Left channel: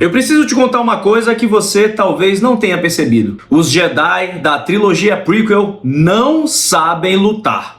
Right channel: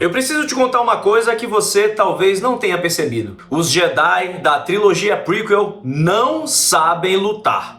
Eu preciso te contar uma coisa que você talvez não tenha percebido. Os Jedi da trilogia prequel não sabem lutar.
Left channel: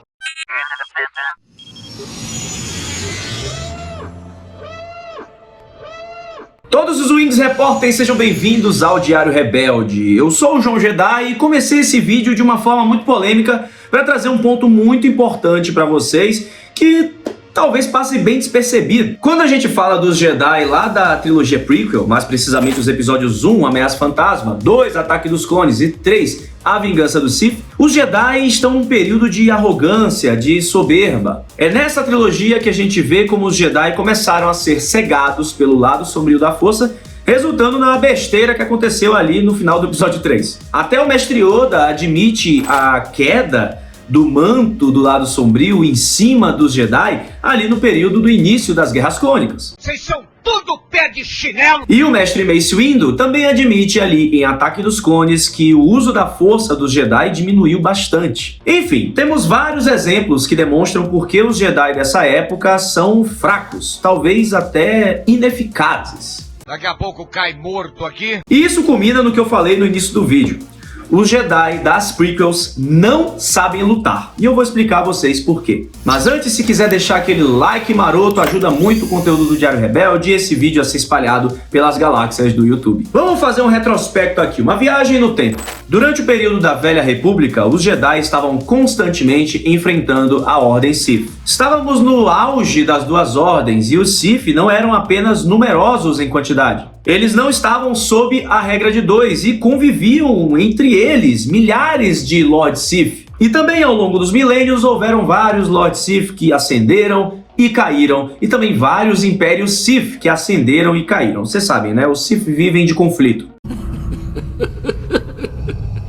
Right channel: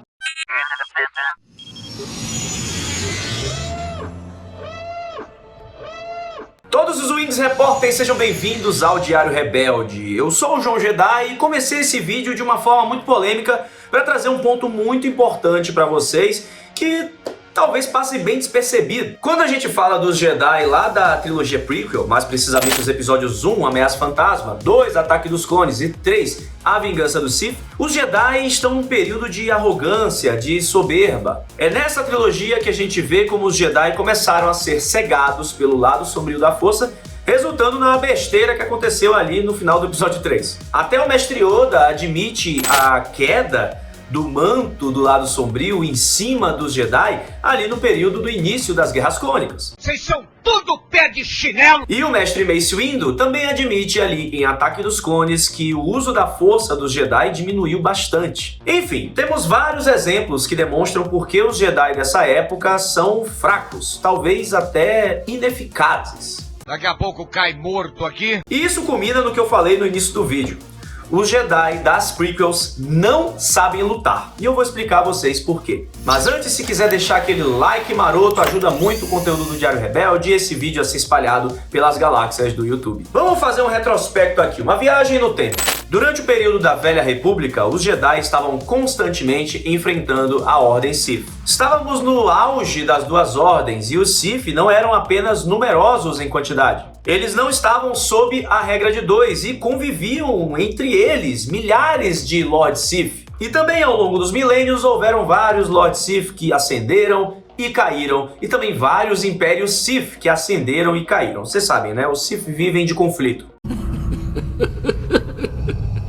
Todos os Wings Repórteres, sejam bem-vindos ao Diário Rebelde. Eu sou o João Jedi e comecei esse vídeo de uma forma muito polêmica para trazer um ponto muito importante para vocês que talvez passe bem despercebido. Quando a gente fala dos Jedi lá da trilogia prequel, mais precisamente os episódios 1, Ameaça Fantasma, 2, Ataque dos Clones e 3, A Vingança do Sith, os Jedi estão num período de arrogância, de soberba. É nessa trilogia que a gente vê como os Jedi começaram a ser cegados pelo lado sombrio da força, resultando na besteira que aconteceu ali no final do episódio 3. Até o Mestre Yoda admite a queda do manto do lado sombrio em cima dos Jedi ali no período do início das Guerras Clônicas. Vocês são tudo pé de chinelo! E o Mestre Mace Windu também admite ali em Ataque dos Clones que o uso da força dos Jedi diminuiu bastante. Enfim, temos vários exemplos que demonstram por que os Jedi dessa época são fracos, talvez até ineficazes. Daqui a pouco cai morto aqui. E isso culmina no que eu falei no início do vídeo. Os Jedi das prequels não sabem lutar, e eu vou explicar a vocês por quê. Mas antes, se quiser deixar aquele like maroto, ajuda muito o conteúdo do Diário Rebelde e esse vídeo a ser espalhado pelas galáxias do YouTube. Vamos fazer um retrospecto aqui, uma viagem no tempo. Durante o período da Velha República, os Jedi estavam constantemente enfrentando a Ordem Sith. Estávamos no auge das duas ordens e os Sith não eram apenas numerosos em quantidade. Eles não estavam sob a regra de 2 e conviviam entre eles milhares de Lord Sith. E também ao longo dos milênios houveram vários Lord Sith que ascenderam e caíram, e também vários Impérios Sith que ascenderam e caíram. Vocês sabem, né? Os Sith vivem de conflito.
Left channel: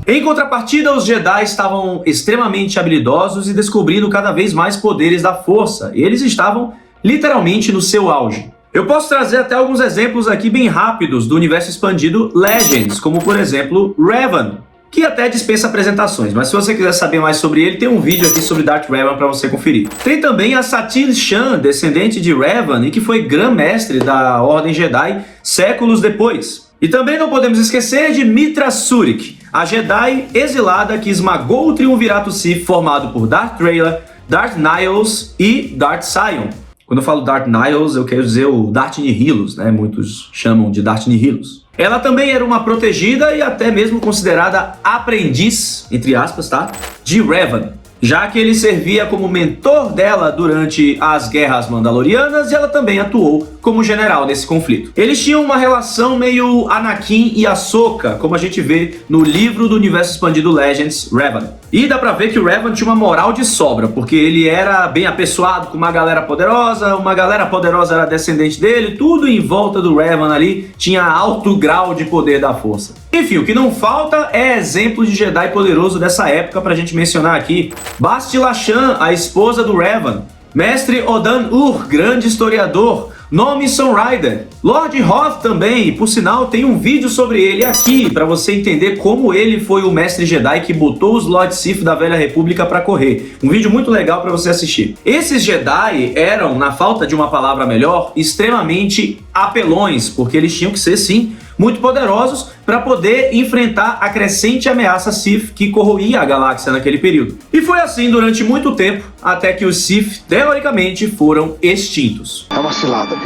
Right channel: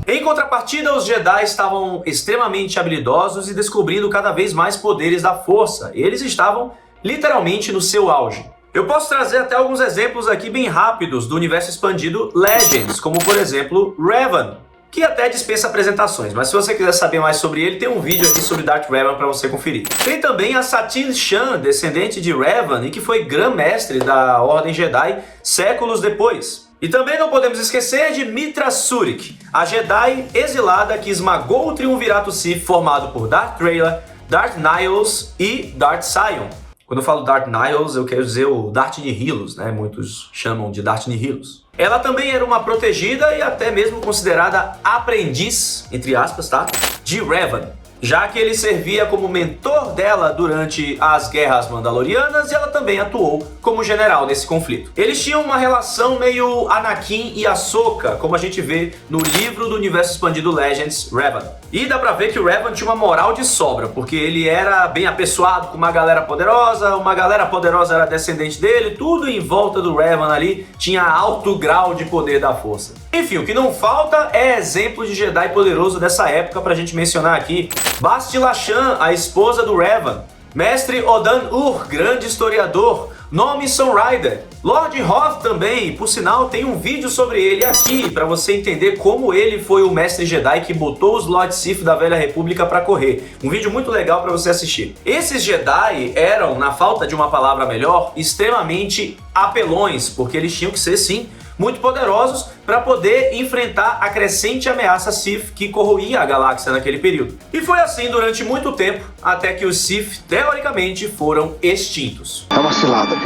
Em contrapartida, os Jedi estavam extremamente habilidosos e descobrindo cada vez mais poderes da força. Eles estavam literalmente no seu auge. Eu posso trazer até alguns exemplos aqui bem rápidos do universo expandido Legends, como por exemplo Revan, que até dispensa apresentações, mas se você quiser saber mais sobre ele, tem um vídeo aqui sobre Darth Revan para você conferir. Tem também a Satine Shan, descendente de Revan e que foi Grã-Mestre da Ordem Jedi séculos depois. E também não podemos esquecer de Mitra Surik, a Jedi exilada que esmagou o Triunvirato Sith formado por Darth Trayla, Darth Nihilus e Darth Sion. Quando eu falo Darth Nihilus, eu quero dizer o Darth Nihilus, né? Muitos chamam de Darth Nihilus. Ela também era uma protegida e até mesmo considerada aprendiz, entre aspas, tá? De Revan, já que ele servia como mentor dela durante as Guerras Mandalorianas e ela também atuou como general nesse conflito. Eles tinham uma relação meio Anakin e Ahsoka, como a gente vê no livro do universo expandido Legends, Revan. E dá pra ver que o Revan tinha uma moral de sobra, porque ele era bem apessoado com uma galera poderosa era descendente dele, tudo em volta do Revan ali tinha alto grau de poder da força. Enfim, o que não falta é exemplo de Jedi poderoso dessa época pra gente mencionar aqui. Bastila Shan, a esposa do Revan, Mestre Odan Ur, grande historiador, Nomi Sunrider, Lord Hoth também, por sinal tem um vídeo sobre ele aqui para você entender como ele foi o Mestre Jedi que botou os Lord Sith da Velha República para correr. Um vídeo muito legal para você assistir. Esses Jedi eram, na falta de uma palavra melhor, extremamente apelões, porque eles tinham que ser sim muito poderosos para poder enfrentar a crescente ameaça Sith que corroía a galáxia naquele período. E foi assim durante muito tempo, até que os Sith, teoricamente, foram extintos. É uma cilada.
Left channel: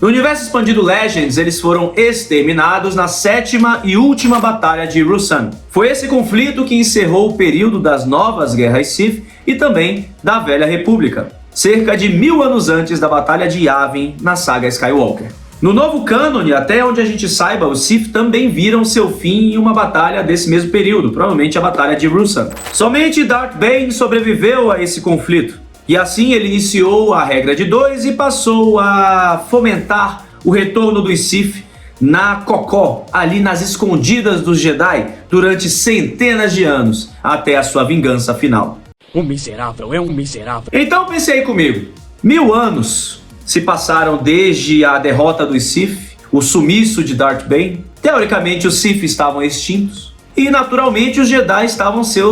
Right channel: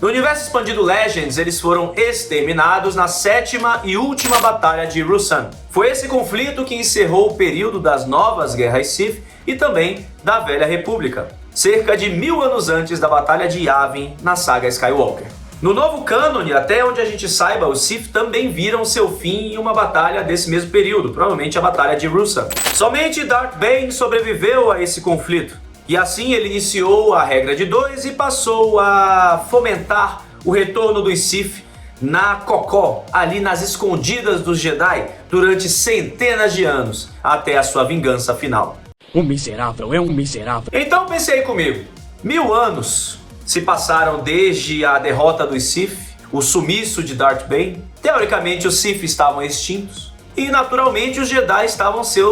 No universo expandido Legends, eles foram exterminados na 7ª e última batalha de Ruusan. Foi esse conflito que encerrou o período das novas guerras Sith e também da Velha República, cerca de 1000 anos antes da batalha de Yavin na saga Skywalker. No novo cânone, até onde a gente saiba, os Sith também viram seu fim em uma batalha desse mesmo período, provavelmente a batalha de Ruusan. Somente Darth Bane sobreviveu a esse conflito, e assim ele iniciou a regra de 2 e passou a fomentar o retorno dos Sith na cocó, ali nas escondidas dos Jedi, durante centenas de anos, até a sua vingança final. Um miserável é um miserável. Então pense aí comigo, 1000 anos se passaram desde a derrota dos Sith, o sumiço de Darth Bane. Teoricamente os Sith estavam extintos e naturalmente os Jedi estavam sem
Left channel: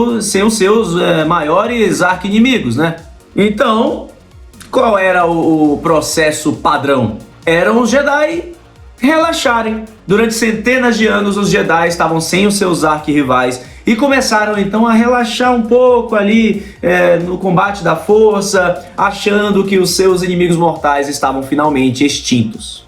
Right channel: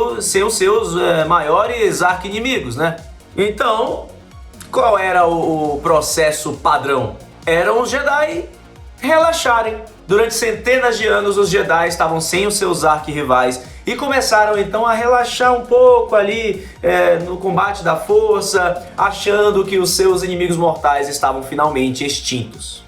os seus maiores arqui-inimigos, né? Então, qual era o processo padrão? Eram os Jedi relaxarem. Durante centenas de anos, os Jedi estavam sem os seus arquirrivais e começaram então a relaxar um pouco ali no combate da força, achando que os seus inimigos mortais estavam finalmente extintos.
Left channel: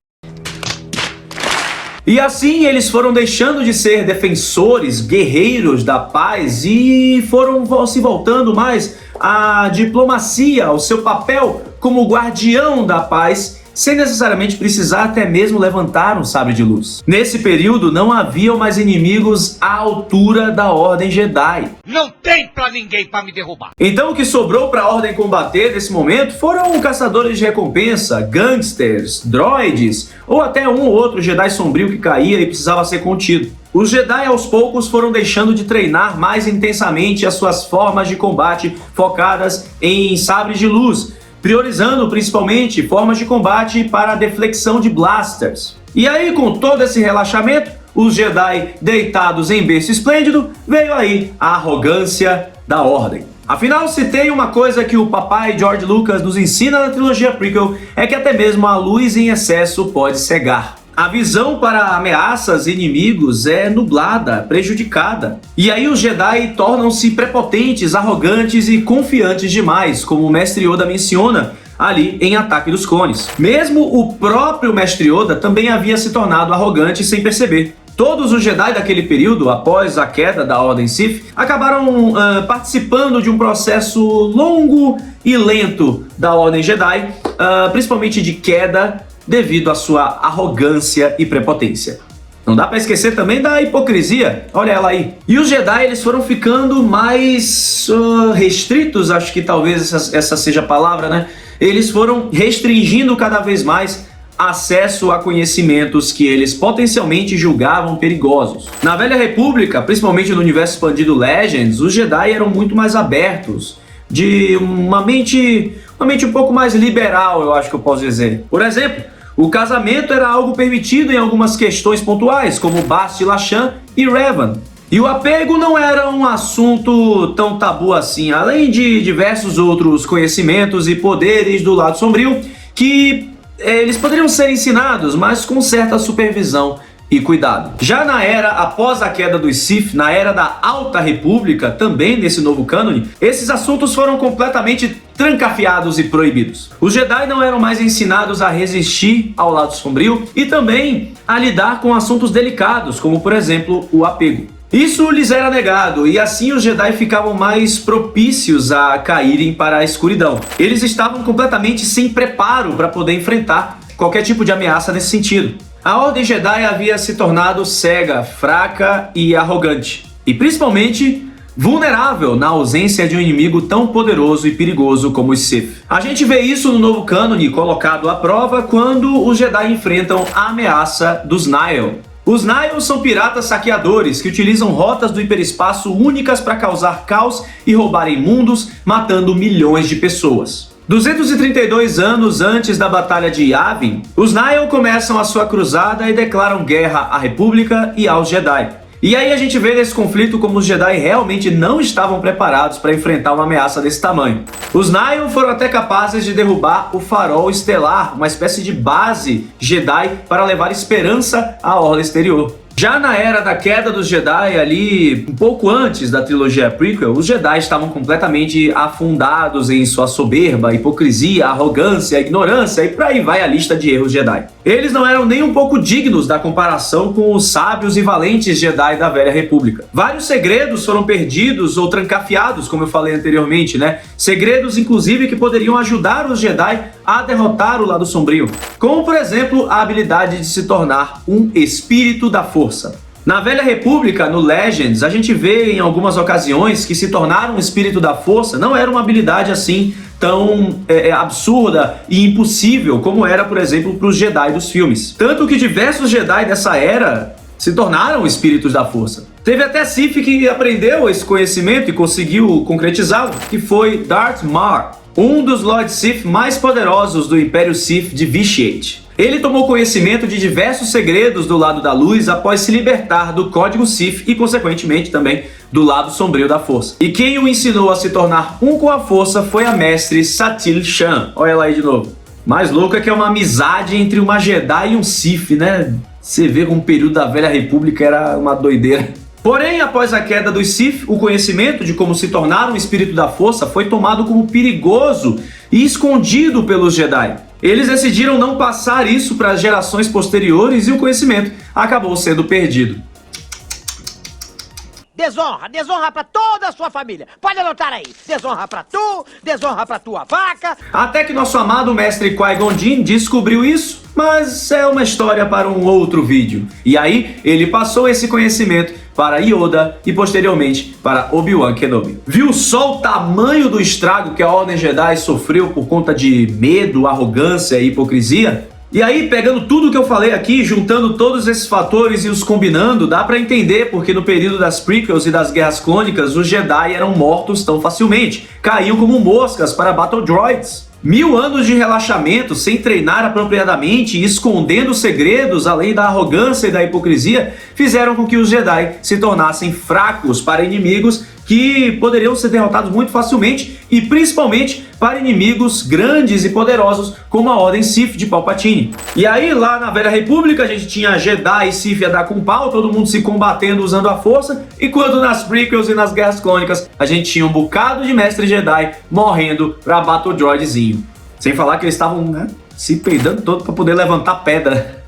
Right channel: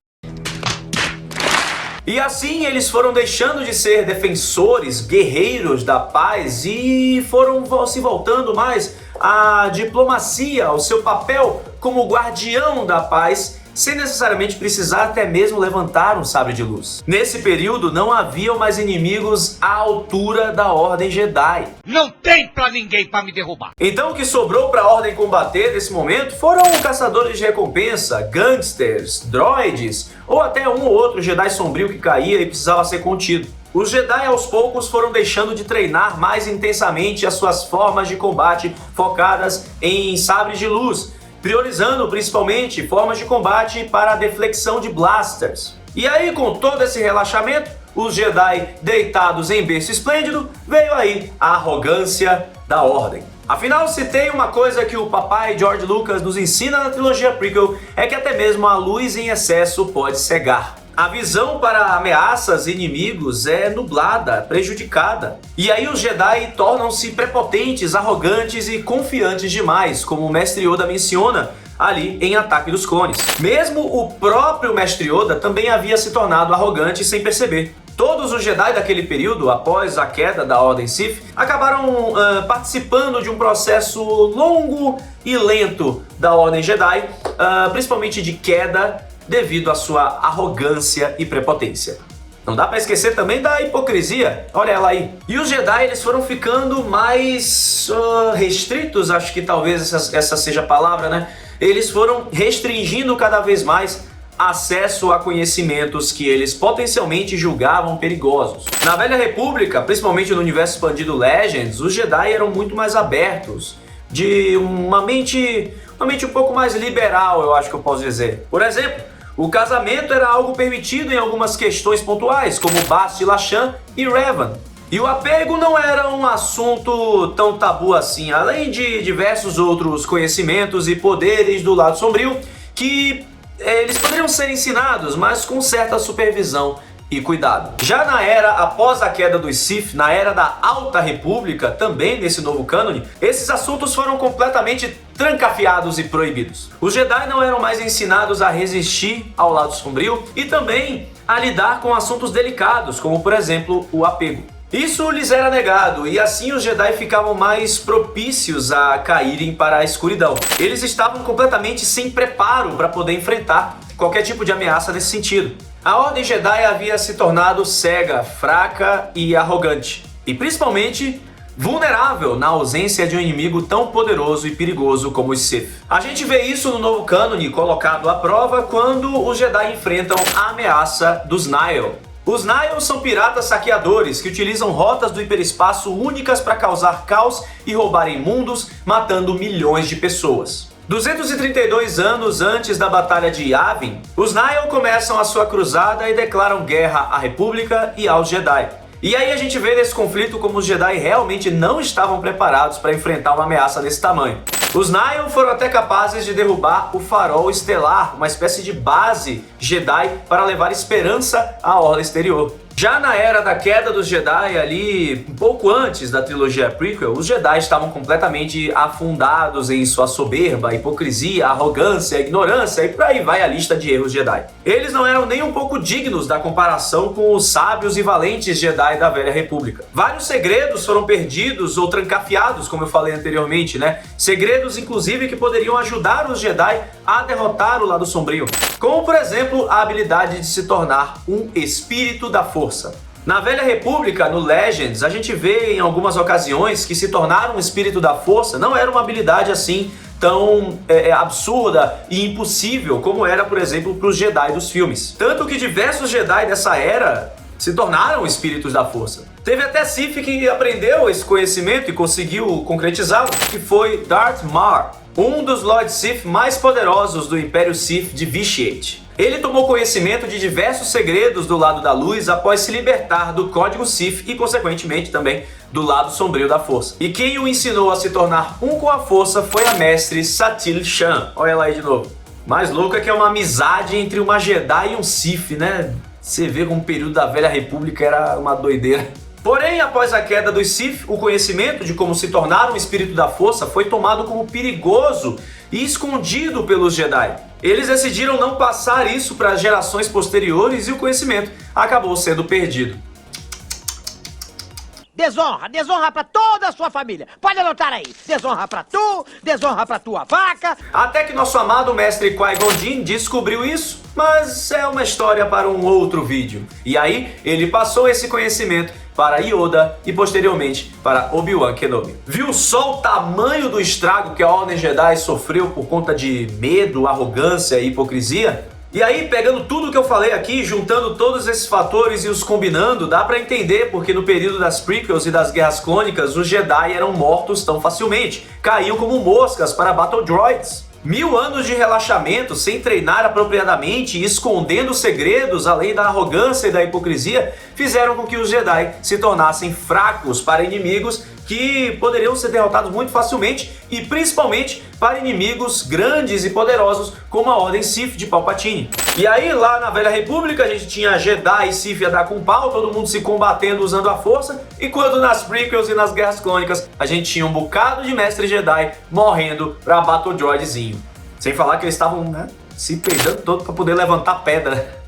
E assim eles foram deixando de ser defensores, guerreiros da paz e foram se voltando mais à diplomacia, ao seu papel como guardião da paz, sem necessariamente precisar até mesmo levantar um sabre de luz. Nesse período não haviam mais inimigos à altura da Ordem Jedi. Não tem pra ninguém pra me derrubar. Então o que sobrou para a Ordem combater nesse momento foram caçadores de recompensa, gangsters, droids ou até um ou outro Jedi sombrio que caía e precisava ser contido. Os Jedi aos poucos foram deixando de treinar mais intensamente as suas formas de combate focadas em sabres de luz, priorizando principalmente formas de combate para a deflexão de blasters. E aí, com todo esse relaxamento, os Jedi deitados em berço esplêndido, veio aí a arrogância da Ordem. Afinal, se tem uma coisa que o papai George Lucas nos ensina na trilogia prequel, é que até mesmo a luz em excesso pode cegar. A visão para ameaças e inimigos é nublada, prejudicada. E aí os Jedi tornam-se prepotentes, arrogantes e confiantes demais, como o Mestre Yoda menciona ali em Ataque dos Clones. Mesmo o próprio Mestre Yoda também havia se tornado arrogante sem perceber. Todos os Jedi daquele período, após a queda da Ordem Sith, acabaram participando de um processo longo e lento da Ordem Jedi, principalmente de queda, devido à sua arrogância e prepotência. Não dá pra esquecer também da hipocrisia, olha ela aí. E os Jedi, eles foram ficando mais restritos, acho que talvez essa seja a palavra, né? Eles foram restringindo cada vez mais acesso a conhecimentos que eles potencialmente julgavam perigosos. Na Velha República, principalmente no universo expandido Legends, os Jedi eram muito mais abertos, de uma mente um pouco mais liberal, eu acho que eu posso dizer. Por exemplo, o casamento era algo permitido em algumas questões pontuais, como Bast Lachan e Revan. E o apego não era um assunto tão tabu assim, além de diversos outros conhecimentos e poderes do lado sombrio que eles poderiam ser ensinados, mas com certa supervisão e cuidado. Já na era após a queda dos Sith, na era da Alta República, também nesse novo cânone, esses assuntos foram completamente trancafiados e proibidos. Os Jedi não eram mais ensinados a resistir ao lado sombrio e também a lidar com assuntos delicados, como por exemplo o apego. Isso lhes era negado, e assim os Jedi ficavam mais propícios a caírem para a escuridão. Eles estavam completamente sem preparo para poder enfrentar qualquer tipo de ameaça nesse sentido. A Ordem Jedi havia se tornado cega, fraca e arrogante, e principalmente vulnerável na ausência de um inimigo tão poderoso e perigoso como os Sith. A gente vê isso no novo cânone colocado à prova quando os Jedi enfrentam a ameaça dos Nihil. Os Nihil são piratas saqueadores que utilizam rotas do hiperespaço únicas para causar caos e roubarem mundos, matando milhões de pessoas. 232 anos antes da Batalha de Yavin, os Nihil começam a sua cruzada e declaram guerra à República e aos Jedi. E aí a gente vê nesse conflito como os Jedi realmente não estavam preparados para enfrentar uma ameaça desse tamanho. Os Nihil foram até capazes de derrubar o Farol Estelar, uma espécie de base Jedi para levar esperança à Orla Exterior. Já na era da queda dos Jedi, ali um pouco antes da trilogia prequel, os Jedi estavam completamente afundados em sua soberba, hipocrisia, arrogância, ignorância e por aí vai a lista de erros Jedi. Eles não eram nem um pouco dignos da comparação com os sábios e valentes Jedi da Velha República. Vários segredos foram perdidos ou trancafiados, como eu falei anteriormente, né? Segredos, inclusive, que poderiam ajudar os Jedi a derrotar o lado sombrio, como, por exemplo, a habilidade de se tornar um espírito da força. Na Velha República, no Legends, a gente vê em algumas ocasiões que se tornar um espírito da força não era uma habilidade assim tão absurda e impossível como era, por exemplo, para os Jedi dos filmes. Tanto que diversos Jedi dessa era se tornaram espíritos da força. Teve até Sith que aprendeu esse conhecimento e conseguiu concretizá-lo, que foi Darth Maul, um dos Lord Sith mais poderosos do Império Sith de Vitiate. Ele tomou conhecimento de diversos segredos do lado da luz após se libertar do Código Sith e, consequentemente, também do lado sombrio da força. E quem o ensinou a se tornar um com a força foi a mestre Satele Shan. Olha ela aí de novo. Mais louco é que é uma amizade entre uma Jedi e um Sith, né? Você vê como o período da Velha República era uma doideira. Porém, após a queda dos Sith, o conhecimento de como se tornar um espírito da força foi tomado como perigoso e escondido pelos Jedi. Eles decidiram não passar isso para as gerações posteriores e o conhecimento acabou sendo perdido. Desonra, desonra pra toda a sua família. Pode anotar aí. Desonra pra tu, desonra pra tua vaca. Até que nosso amado mestre Qui-Gon Jinn descobriu isso, mas é uma história para um outro vídeo. E aí, ele passou esse conhecimento para Yoda e posteriormente para Obi-Wan Kenobi. Viu só o tamanho do estrago que a Ordem Jedi sofreu por conta de medo, arrogância e hipocrisia? E aí, pegando tudo que eu falei aqui, juntando todos esses fatores e os combinando, dá pra entender porque no período das prequels e das Guerras Clônicas, os Jedi eram mortos tão facilmente, caíam como moscas para Battle Droids. 1000 anos de relaxamento, sem treinar apropriadamente e escondendo segredos, além da arrogância e da hipocrisia, fizeram com que os Jedi se tornassem fracos para inimigos que poderiam ser derrotados muito facilmente e principalmente para inimigos grandes e poderosos como a Ordem Sith de Palpatine. E aí, lá na Velha República, a gente tinha Jedi e Sith a dar com pau, todo mundo se combatendo usando a força, enquanto nas prequels e nas Guerras Clônicas, a gente tinha um bocado de mestre Jedi morrendo pra Battle Droidzinho. Sem falar que eles estavam, né, se peidando todo pra poder levantar pedra.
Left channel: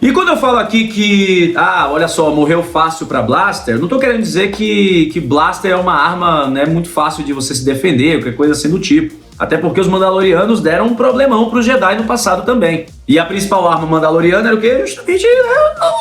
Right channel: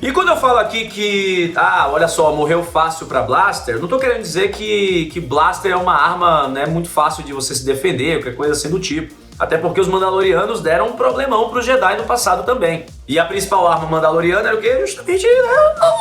E quando eu falo aqui que, olha só, morreu fácil pra Blaster, não tô querendo dizer que Blaster é uma arma, né, muito fácil de você se defender, qualquer coisa assim do tipo. Até porque os Mandalorianos deram um problemão pros Jedi no passado também. E a principal arma mandaloriana era o quê? Justamente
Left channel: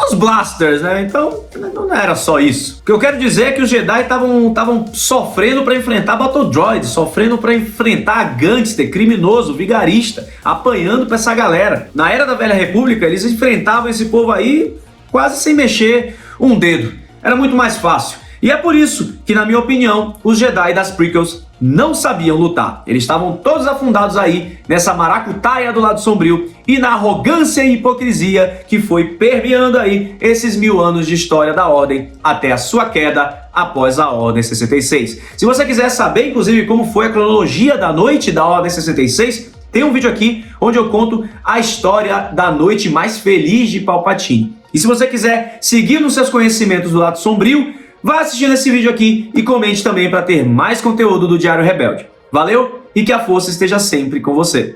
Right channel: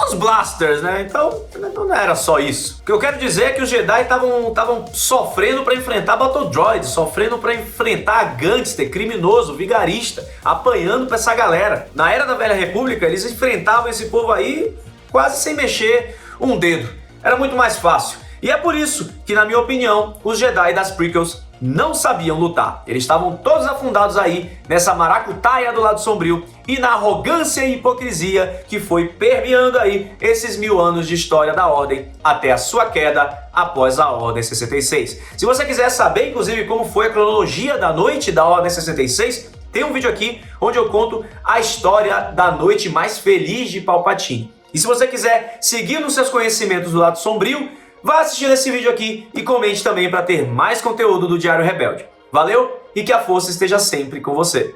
os blasters, né? Então, não era só isso. O que eu quero dizer é que os Jedi estavam sofrendo pra enfrentar Battle Droids, sofrendo pra enfrentar gangster, criminoso, vigarista, apanhando pra essa galera. Na Era da Velha República, eles enfrentavam esse povo aí quase sem mexer um dedo. Era muito mais fácil. E é por isso que, na minha opinião, os Jedi das prequels não sabiam lutar. Eles estavam todos afundados aí nessa maracutaia do lado sombrio e na arrogância e hipocrisia que foi permeando aí esses 1000 anos de história da Ordem até a sua queda após a Ordem 66. Se você quiser saber, inclusive, como foi a cronologia da noite da Ordem 66, tem um vídeo aqui onde eu conto a história da noite mais feliz de Palpatine. E se você quiser seguir nos seus conhecimentos do lado sombrio, vá assistindo esse vídeo aqui e comente também para ter mais conteúdo do Diário Rebelde. Valeu e que a força esteja sempre com você.